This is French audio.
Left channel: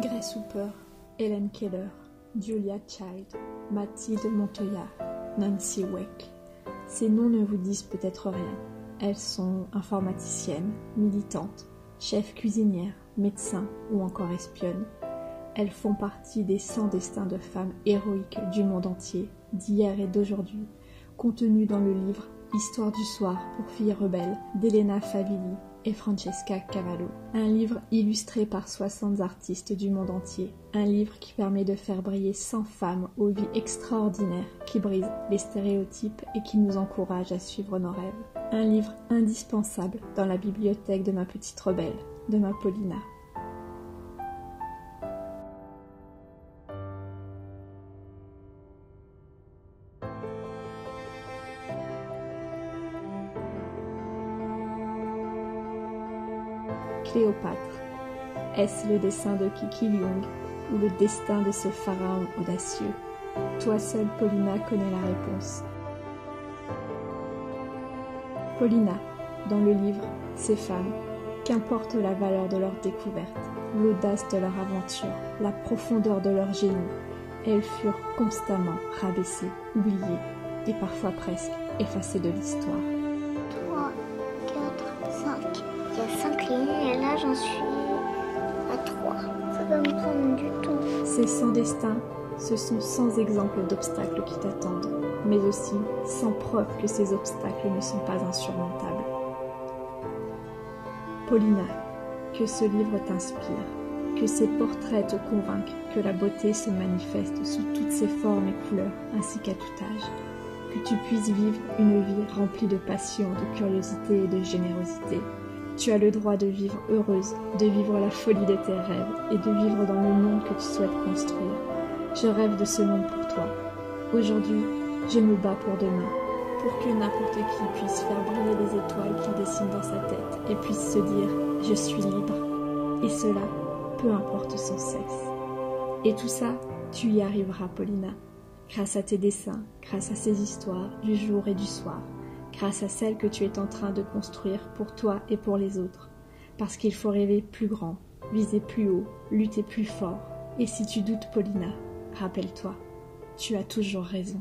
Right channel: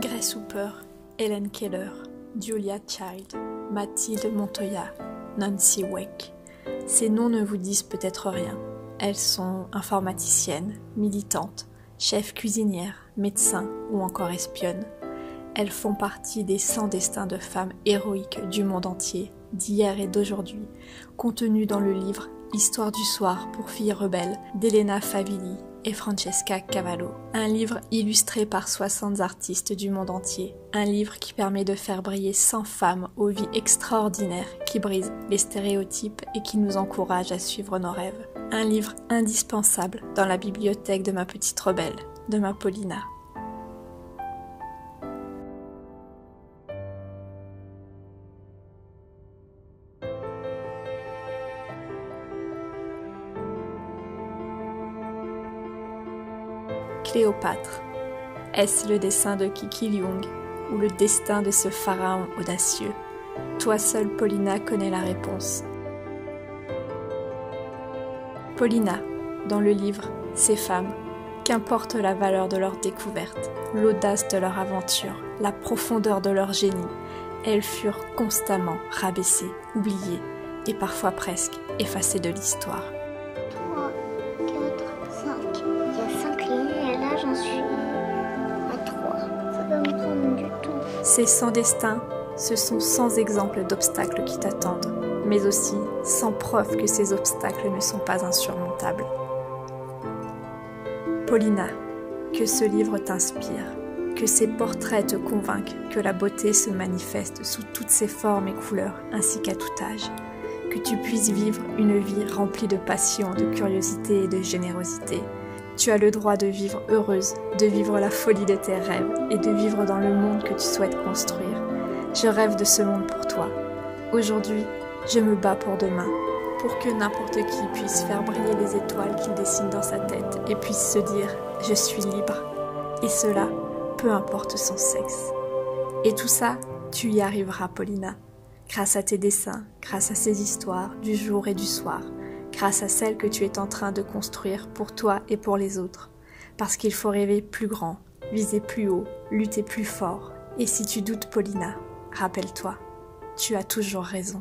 Grace Hopper, Helen Keller, Julia Child, Mathilde Montoya, Nancy Weck. Ces noms ne vous disent peut-être rien. Elles sont informaticiennes, militantes, chefs cuisinières, médecins ou encore espionnes. Elles font partie des 100 destins de femmes héroïques du monde entier, d'hier et d'aujourd'hui, contenus dans le livre Histoire du soir pour filles rebelles d'Elena Favilli et Francesca Cavallo. Un livre illustré par 60 artistes du monde entier. Un livre qui permet de faire briller 100 femmes aux vies extraordinaires qui brisent les stéréotypes et qui nous encouragent à suivre nos rêves. Un livre indispensable dans la bibliothèque de ma petite rebelle, de ma Paulina. Cléopâtre. Est-ce le dessin de Kiki Leung ou le destin de ce pharaon audacieux? Toi seule, Paulina, connais la réponse. Paulina, dans le livre Ces femmes, qu'importe la valeur de leur découverte, l'audace de leur aventure, la profondeur de leur génie, elles furent constamment rabaissées, oubliées et parfois presque effacées de l'histoire. 3, 4, 5. Il y a 5 lignes et là j'en suis à 3. Ça va me prendre du temps. Ces 100 destins, ce sont 100 exemples d'obstacles qui t'attendent, mais aussi 100 preuves que ces obstacles ne sont pas insurmontables. Paulina, que ce livre t'inspire, que ces portraits te convainquent que la beauté se manifeste sous toutes ses formes et couleurs, ainsi qu'à tout âge, que tu puisses vivre une vie remplie de passion, de curiosité et de générosité. Tu as le droit de vivre heureuse, de vivre la folie de tes rêves et de vivre dans le monde que tu souhaites construire. Je rêve de ce monde pour toi. Aujourd'hui, je me bats pour demain, pour que n'importe qui puisse faire briller les étoiles qu'il dessine dans sa tête et puisse se dire « je suis libre ». Et cela, peu importe son sexe. Et tout ça, tu y arriveras, Paulina, grâce à tes dessins, grâce à ces histoires du jour et du soir, grâce à celles que tu es en train de construire pour toi et pour les autres. Parce qu'il faut rêver plus grand, viser plus haut, lutter plus fort. Et si tu doutes, Paulina, rappelle-toi, tu as toujours raison.